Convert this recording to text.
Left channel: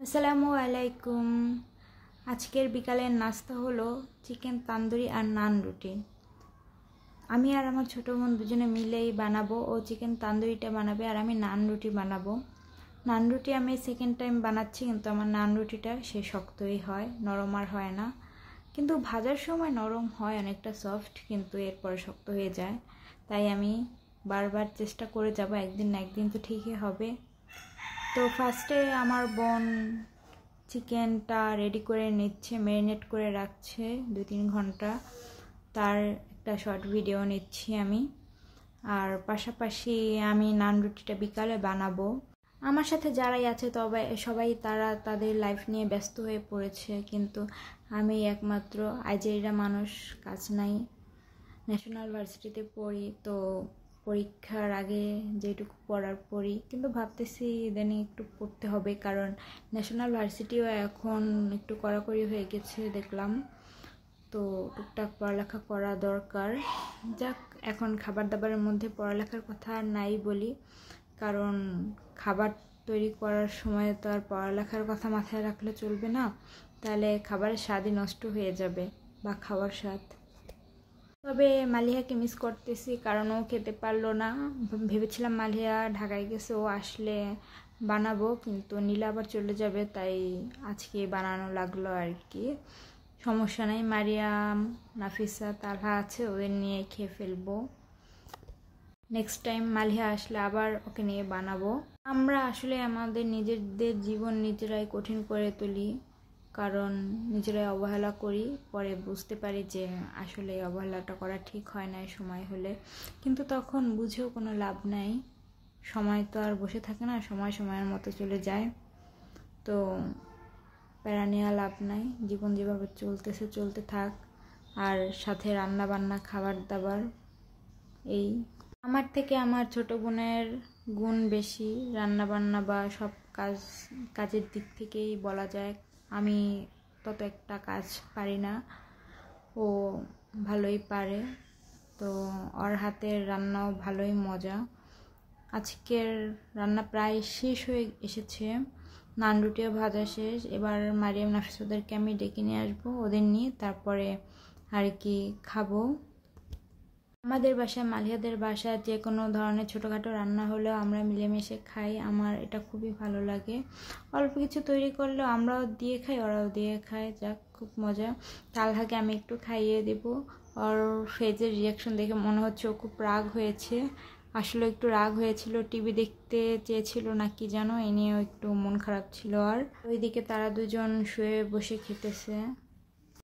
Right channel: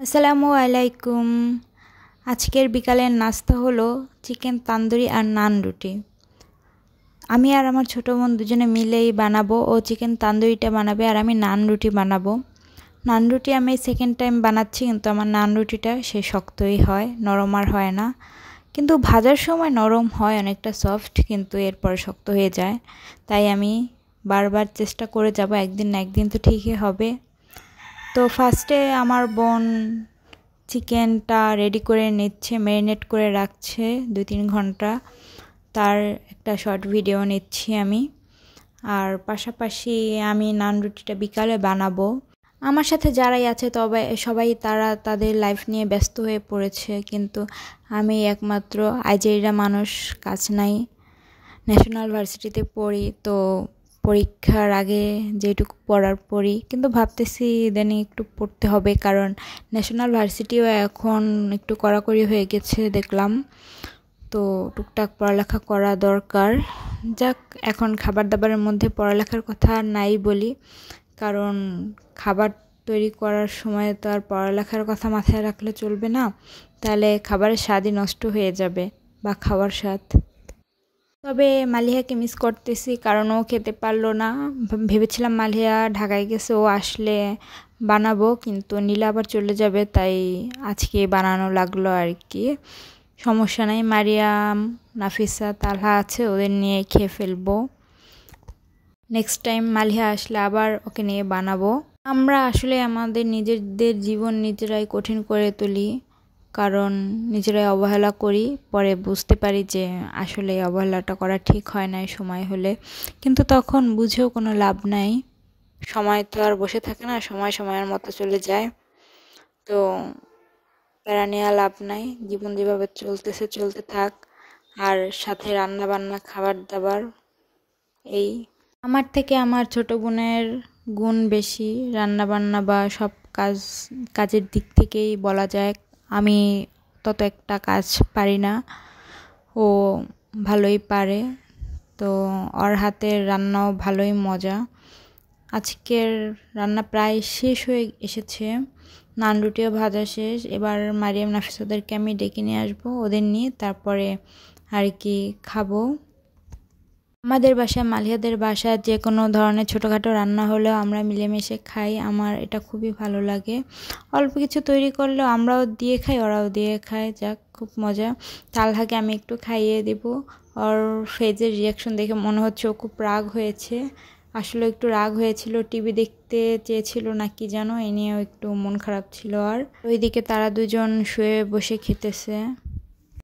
আসসালামু আলাইকুম। আজকের বিকালের নাস্তা হলো চিকেন তান্দুরি আর নান রুটি। আমি আর আমার ছোটো বোন দুজনে মিলেই বানাবো। ও চিকেন তান্দুরিটা বানাবে আর আমি নান রুটি বানাবো। নান রুটি আমি সেকেন্ড টাইম বানাচ্ছি, কিন্তু আমার নান রুটিটা সে শক্তই হয়, নরম আর হয় না। কিন্তু ভাজার সময় নরম হয়, অনেকটা সফট, কিন্তু এরপর শক্ত হয়ে যায়। তাই আমি বারবার চেষ্টা করে যাব, একদিন না একদিন তো ঠিকই হবে। তো ফার্স্টে আমার বোন চিকেনটা রেডি করে নিচ্ছে, ম্যারিনেট করে রাখছে 2-3 ঘন্টা। তার একটা শর্ট ভিডিও নিচ্ছি আমি। আর পাশাপাশি আমি নান রুটিটা বিকালে বানাবো। আমার সাথে যারাই আছে তবে সবাই তারা তাদের লাইফ নিয়ে ব্যস্ত হয়ে পড়েছে, কিন্তু আমি একমাত্র আইজেরিয়া মানুষ, কাজ নাই। ন্যাশনাল ভার্সিটিতে পড়ি, তো পরীক্ষার আগে যেটুকু পড়ার পড়ি, কিন্তু ভাবতেছি ইদানিং একটু পড়তে হবে, কারণ ন্যাশনাল ভার্সিটিও এখন একটু কড়াকড়ি হয়ে গেছে দেখলাম। তো টুকটাক পড়ালেখা করা দরকার। যাক, এখন খাবার দাবারের মধ্যে পড়ালেখার কথা নাই বলি, কারণ খাবার তৈরি করার সময় তো আর পড়ালেখার কথা মাথায় রাখলে চলবে না, তাহলে খাবারের স্বাদই নষ্ট হয়ে যাবে, বা খাওয়ার স্বাদ। তবে মালিহাকে মিস করতেছি, কারণ ও খেতে পারলো না। ভেবেছিলাম মালিহা ঢাকায় গেছে, ও আসলে বানাবো, কিন্তু নীলা আবার চলে যাবে, তাই আজকে বানানো লাগলো আর কি। সমস্যা নাই, মারিয়াম, নাফিসা, তালহা আছে, ওদের নিয়ে খেয়ে ফেলবো। নেক্সট টাইম মালিহা আসলে আবার ওকে নিয়ে বানাবো। আমরা আসলে আমাদের নিজেদের জীবন নিজেরাই কঠিন করে তুলি, কারণ নিজেরাই অবহেলা করি। পরে বুঝতে পারি যে আসলে অবহেলাটা করা ঠিক হয় না সময় হলে, কিন্তু তখন বুঝেও কোনো লাভ নাই। সময় তো আর বসে থাকে না, সময় সময়ের মতো চলে যায়। তো প্যারা নেওয়া লাভ নাই, জীবন যেভাবে চলতেছে চলতে থাক। আর সাথে রান্না বান্না, খাবার দাবার, এই আমার থেকে আমার ছোট বোনের গুণ বেশি রান্না বান্না বা সব কাজের দিক থেকেই বলা যায়। আমি তত একটা কাজ পারি না, ও ভালোই পারে। তো ওর হাতের রান্নাও ভালোই মজা। আজকের রান্না প্রায় শেষ হয়ে এসেছে, নান রুটিও ভাজা শেষ। এবার মারিয়াম, নাফিস ওদেরকে আমি ডেকে নিয়ে আসবো, ওদের নিয়ে তারপরে আর কি খাবো। আমাদের বাসায়, মালিহাদের বাসায় যে কোনো ধরনের ছোটোখাটো রান্না হলেও আমরা মিলেমিশে খাই। আমার এটা খুবই ভালো লাগে। অল্প কিছু তৈরি করলেও আমরাও দিয়ে খাই, ওরাও দিয়ে খায়, যাক খুব মজা। তালহাকে আমি একটু খাইয়ে দেব। ওর ফেজের রিয়াকশন দেখে মনে হচ্ছে ও খুব রাগ হয়েছে। আসলে একটু রাগ হয়েছিল, টিভি দেখতে চেয়েছিল না কি যেন, এ নিয়েও একটু মন খারাপ ছিল। আর ওইদিকে তারা দুজন শুয়ে বসে খেতেছে।